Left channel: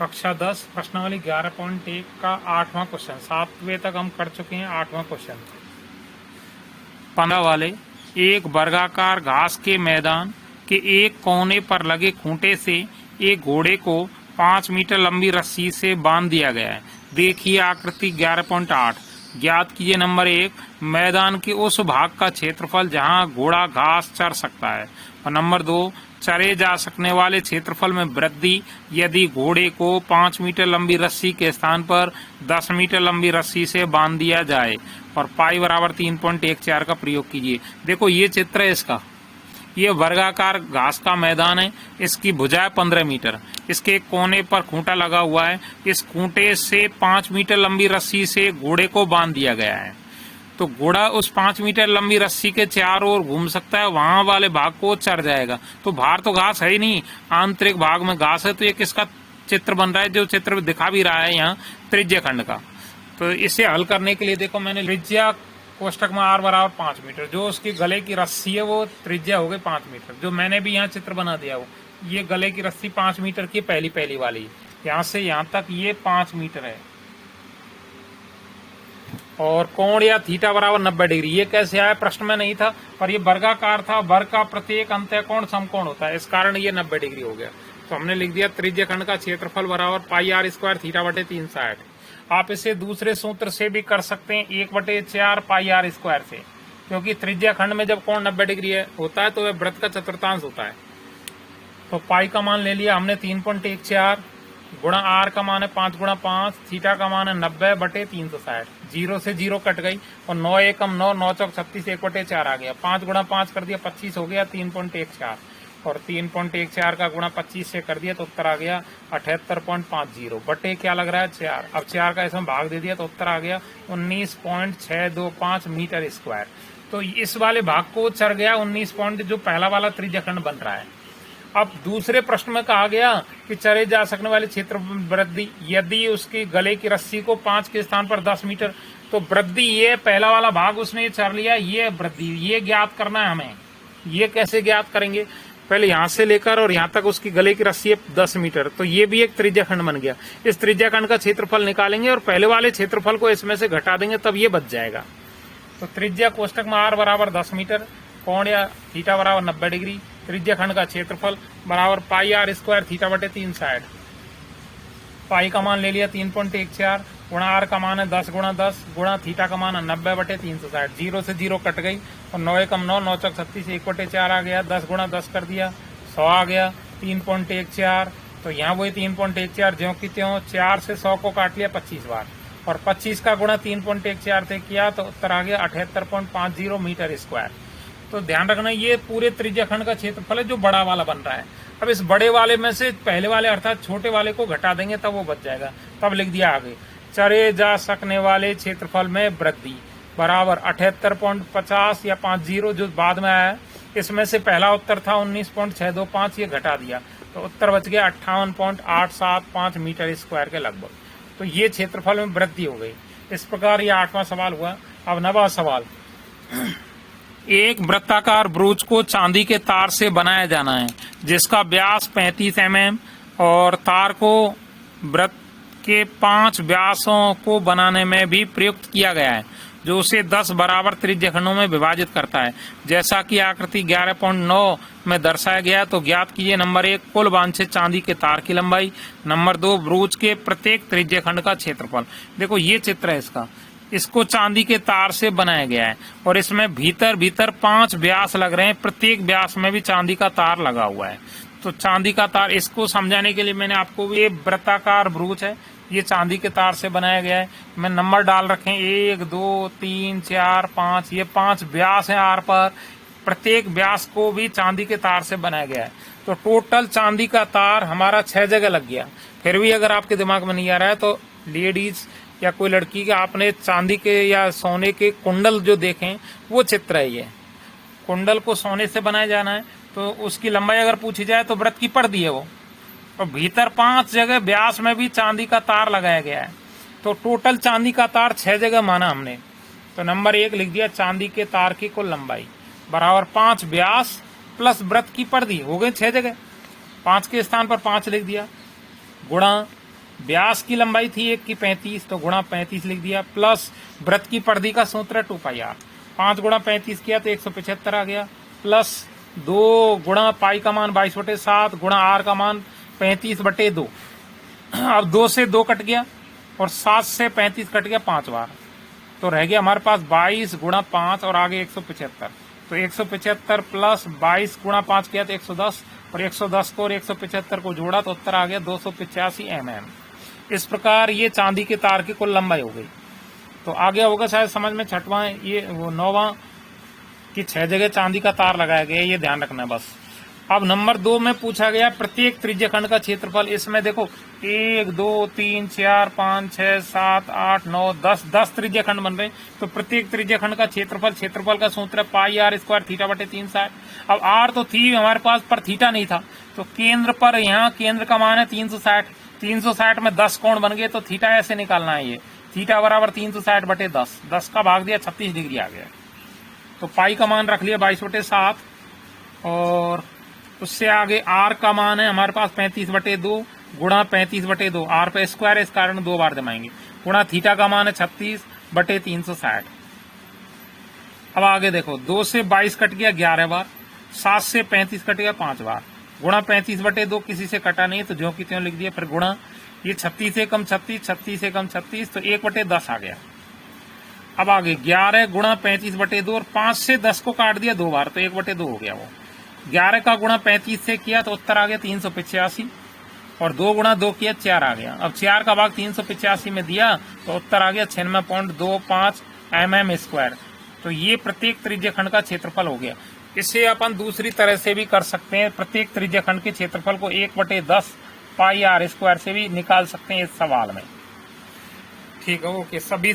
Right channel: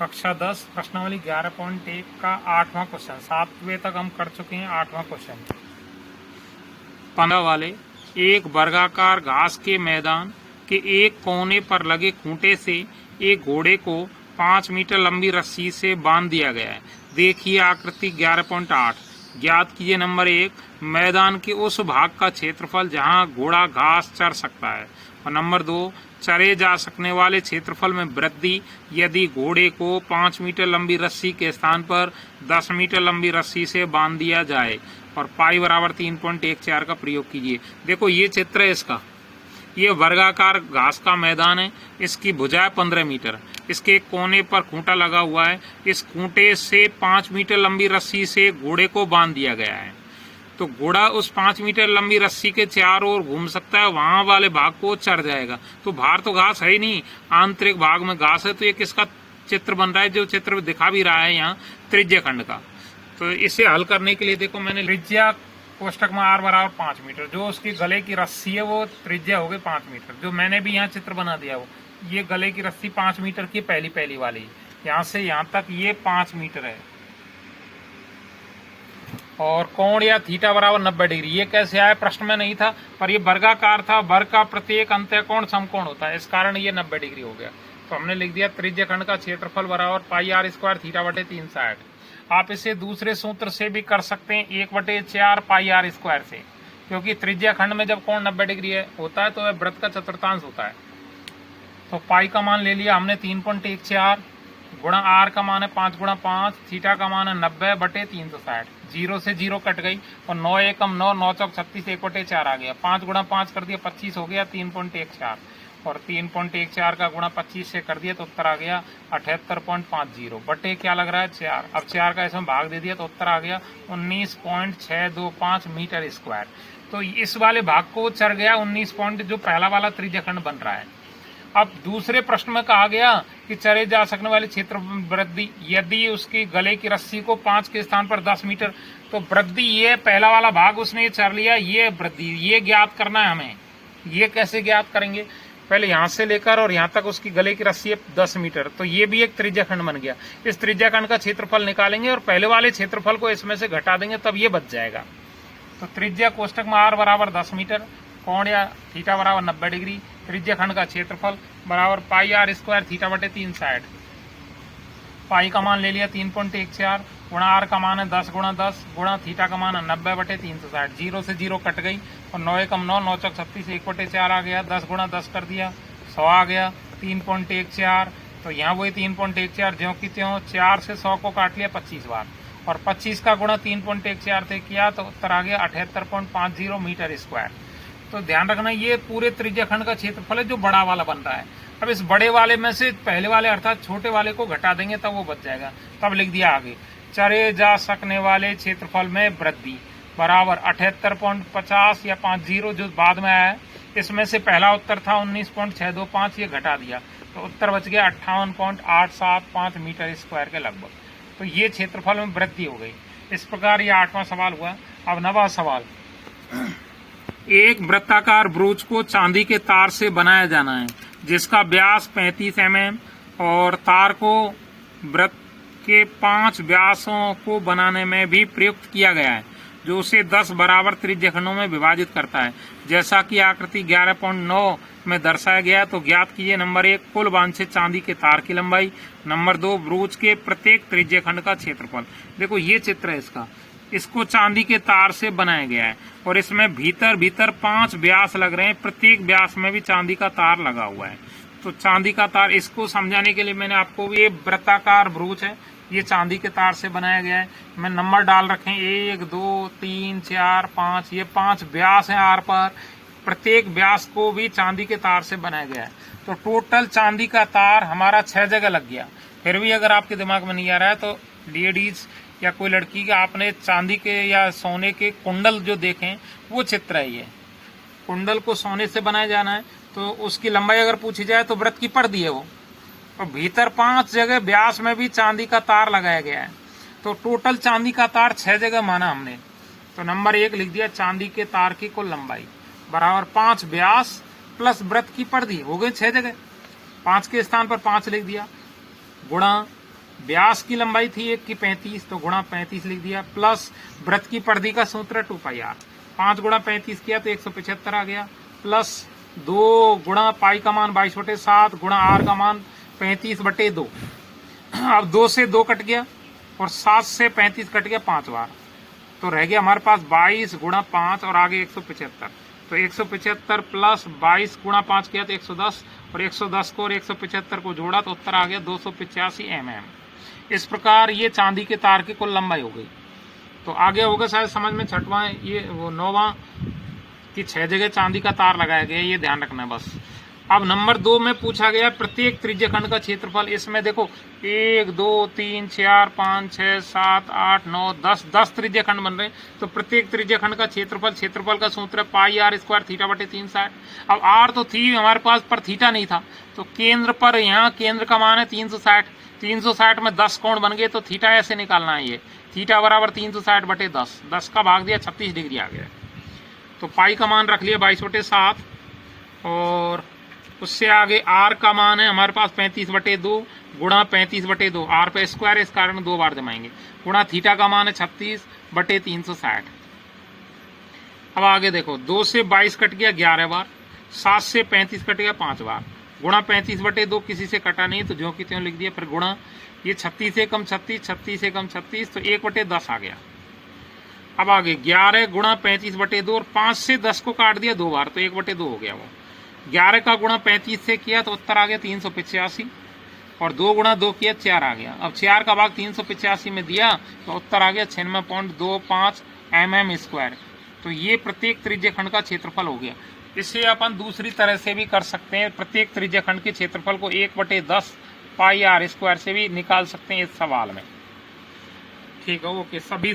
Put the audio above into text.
कक्षा 10 प्रश्नावली 11.1 का 8वां क्वेश्चन। 7वें तक हम कर चुके हैं। 8वां क्वेश्चन 15 वाले एक वर्गाकार घास के मैदान के एक कोने पर लगे खूंटे से एक घोड़े को 5 मीटर लंबी रस्सी से बांध दिया गया है। देखिए आकृति 11.8। ज्ञात कीजिए नंबर 1 मैदान के उस भाग का क्षेत्रफल जहां घोड़ा घास चर सकता है, और नंबर 2 चरे जा सकने वाले क्षेत्रफल में वृद्धि यदि घोड़े को 5 मीटर लंबी रस्सी के स्थान पर 10 मीटर लंबी रस्सी से बांध दिया जाए, और पाई बराबर 3.14 का प्रयोग कीजिए। देखो ये चित्र है इसका। ये वर्गाकार घास का मैदान है। इसकी भुजा 15 मीटर। इसके एक कोने पर खूंटा लगा हुआ है। इस खूंटे से 5 मीटर लंबी रस्सी से घोड़े को बांध दिया गया है। तो घोड़ा उस 5 मीटर लंबी रस्सी के चारों ओर घूम सकता है, वहां वाले भाग को चढ़ जाएगा। तो बाहर तो घास है ही नहीं, आंतरिक भाग में घास है। तो ये किसका चित्र बन रहा है? जो चित्र दिखा भी रहा है यहाँ त्रिज्या खंड का। तो इसे हल करने के लिए देखो मैंने त्रिज्या कोष्टक में r बराबर 5 मीटर, जो उसकी गले की रस्सी है वो त्रिज्या हो गई 5 मीटर। जो मैंने भी यहाँ चित्र बना दिया वो ये गले की रस्सी 5 मीटर की पहली वाली, यहाँ से यहाँ तक ये 5 मीटर है। और कोण या थीटा बराबर 90 डिग्री। ये कैसे आया? प्रश्न में नहीं था, पर ये वर्गाकार था। वर्ग का प्रत्येक अंत्यकोण समकोण होता है, इस कारण ये 90 डिग्री हो गया। तो हमने लिख दिया त्रिज्या खंड का क्षेत्रफल बराबर पाई r स्क्वायर थीटा बटे 360। आप इसे दूसरे सूत्र से भी कर सकते हैं, 1/4 पाई r स्क्वायर से, क्योंकि त्रिज्या खंड में जब कोण 90 डिग्री होता है तो वह वृत्त का चतुर्थांश होता है। तो पाई का मान ले लिया हमने 3.14 गुणा r का मान है 5 गुणा 5, थीटा का मान है 90 बटे 360। 0 से 0 कट गई और 9 एकम 9, 9 चौक 36, 1/4 आ गया। 5 गुणा 5 कर दिया 25 हो गया 3.14, और 3.14 का गुणा 25 से कर दिया तो उत्तर आ गया 78.50 बटे क्या लग रहा है 4। अब 4 का इसमें भाग दे दिया तो उत्तर आ गया 19.625 मीटर स्क्वायर। तो इस वाले भाग को चढ़ गया 19 पॉइंट, जो पहला वाला त्रिज्या खंड बन रहा है। अब दूसरे प्रश्न में कहा गया कि चरे जा सकने वाले क्षेत्र वृद्धि यदि उसकी गले की रस्सी को 5 के स्थान पर 10 मीटर, तो वृद्धि ये पहला वाला भाग उसने चर लिया, ये वृद्धि ये ज्ञात करना है हमें। ये कैसे ज्ञात करेंगे? पहले यहां से लेकर और यहां तक उसकी गले की रस्सी है 10 मीटर, तो ये भी एक त्रिज्या खंड बन गया। इस त्रिज्या खंड का क्षेत्रफल निकालेंगे और पहले वाले क्षेत्रफल को इसमें से घटा देंगे, तब ये बच जाएगा। तो त्रिज्या कोष्टक में r बराबर 10 मीटर, कोण या थीटा बराबर 90 डिग्री, त्रिज्या खंड का क्षेत्रफल बराबर पाई r स्क्वायर थीटा बटे 360। पाई का मान ले लिया 3.14 गुणा r का मान है 10 गुणा 10 गुणा थीटा का मान है 90 बटे 360। 0 से 0 कट गई और 9 एकम 9, 9 चौक 36, 1/4 आ गया। 10 गुणा 10 कर दिया 100 आ गया। 3.14 तो यहाँ वही 3.14 ज्यों की त्यों 4 से 100 को काट लिया 25 बार, और 25 का गुणा 3.14 से किया तो उत्तर आ गया 78.50 मीटर स्क्वायर। तो ध्यान रखना ये पूरे त्रिज्या खंड का क्षेत्रफल है जो बड़ा वाला बन रहा है। अब इस बड़े वाले में से पहले वाले अर्थात छोटे वाले को घटा देंगे तब वो बच जाएगा। तब लिख दिया आगे चरे जा सकने वाले क्षेत्रफल में वृद्धि बराबर 78.50 या 50 जो बाद में आया है। इसमें से पहला उत्तर था 19.625, ये घटा दिया तो उत्तर बच गया 58.875 मीटर स्क्वायर के लगभग। तो ये क्षेत्रफल में वृद्धि हो गई। इस प्रकार ये 8वां सवाल हुआ। अब 9वां सवाल, एक वृत्ताकार ब्रूच को चांदी के तार से बनाया जाना है जिसका व्यास 35 mm और तार को वृत्त के 5 व्यासों को बनाने में भी प्रयुक्त किया गया है, जो उसे 10 बराबर त्रिज्या खंडों में विभाजित करता है, जैसा कि आकृति 11.9 में दर्शाया गया। तो ज्ञात कीजिए नंबर 1 कुल वांछित चांदी के तार की लंबाई, नंबर 2 ब्रूच के प्रत्येक त्रिज्या खंड का क्षेत्रफल। देखो ये चित्र है इसका। इसको चांदी के तार से बनाया गया है और इसमें भीतर 5 व्यास लग रहे हैं। प्रत्येक व्यास में भी चांदी का तार लगा हुआ है। तो चांदी का तार, इसको समझाने के लिए मैंने आपको ये वृत्ताकार ब्रूच है, ये चांदी के तार से बनाया गया है। मैं नंबर डाल रखे 1 2 3 4 5, ये 5 व्यास है आर पर। प्रत्येक व्यास को भी चांदी के तार से बनाया गया है। तो टोटल चांदी का तार हमारा 6 जगह लग गया। फिर भी अगर आपके दिमाग में नहीं आ रहा है तो लेडीज या कोई लड़की के आपने चांदी के या सोने के कुंडल जो देखें वो चित्र है। ये कुंडल को सोने से बनाया जाना है तो उसकी लंबाई अगर पूछी जाए तो वृत्त की पड़ती है वो, और भीतर 5 जगह व्यास में भी चांदी का तार लगाया गया है। तो टोटल चांदी का तार 6 जगह माना हमने। तो नंबर 1 लिख दिया चांदी के तार की कुल लंबाई बराबर 5 व्यास प्लस वृत्त की परिधि हो गई 6 जगह। 5 के स्थान पर 5 लिख दिया गुणा व्यास की लंबाई थी 1 की 35, तो गुणा 35 लिख दिया, प्लस वृत्त की परिधि का सूत्र 2πr, 5 गुणा 35 किया तो 175 आ गया, प्लस 2 गुणा पाई का मान 22/7 गुणा आर का मान 35/2। अब 2 से 2 कट गया और 7 से 35 कट गया 5 बार, तो रह गया हमारे पास 22 गुणा 5 और आगे 175। तो 175 प्लस 22 गुणा 5 किया तो 110, और 110 को और 175 को जोड़ा तो उत्तर आ गया 285 mm। इस प्रकार ये चांदी के तार की कुल लंबाई हो गई। तो आगे होगा शायद समझ में, छठवां ये वो 9वां कि 6 जगह चांदी का तार लगाया गया, ये ध्यान रखना बस। अब नंबर 2 में पूछा गया प्रत्येक त्रिज्यखंड का क्षेत्रफल। इसमें देखो 1 2 3 4 5 6 7 8 9 10 त्रिज्यखंड बन रहे, तो प्रत्येक त्रिज्यखंड का क्षेत्रफल का सूत्र पाई आर स्क्वायर थीटा बटे 360। अब आर तो थी हमारे पास पर थीटा नहीं था, तो केंद्र पर यहाँ केंद्र का मान है 360, 360 में 10 कोण बन गए, तो थीटा ऐसे निकालना है, ये थीटा बराबर 360 बटे 10, 10 का भाग दिया 36 डिग्री आ गया। तो पाई का मान रख लिया 22/7, और उससे आगे आर का मान है हमारे पास 35/2 गुणा 35/2, आर पे स्क्वायर है इस कारण 2 बार जमाएंगे, गुणा थीटा का मान है 36/360। अब आगे देखो 2 से 22 कट गया 11 बार, 7 से 35 कट गया 5 बार, गुणा 35/2 किसी से कटा नहीं तो ज्यों की त्यों लिख दिया, फिर गुणा ये 36 से कम 36, 36 से कम 36, तो 1/10 आ गया। अब आगे 11 गुणा 35/2 और 5 से 10 को काट दिया 2 बार, तो 1/2 हो गया। वो 11 का गुणा 35 से किया तो उत्तर आ गया 385, और 2 गुणा 2 किया 4 आ गया। अब 4 का भाग 385 में दिया तो उत्तर आ गया 96.25 mm²। तो ये प्रत्येक त्रिज्यखंड का क्षेत्रफल हो गया। इसे अपन दूसरी तरह से भी कर सकते हैं, प्रत्येक त्रिज्यखंड के क्षेत्रफल को 1/10 पाई आर स्क्वायर से भी निकाल सकते हैं इस सवाल में। ठीक है, ओके। सभी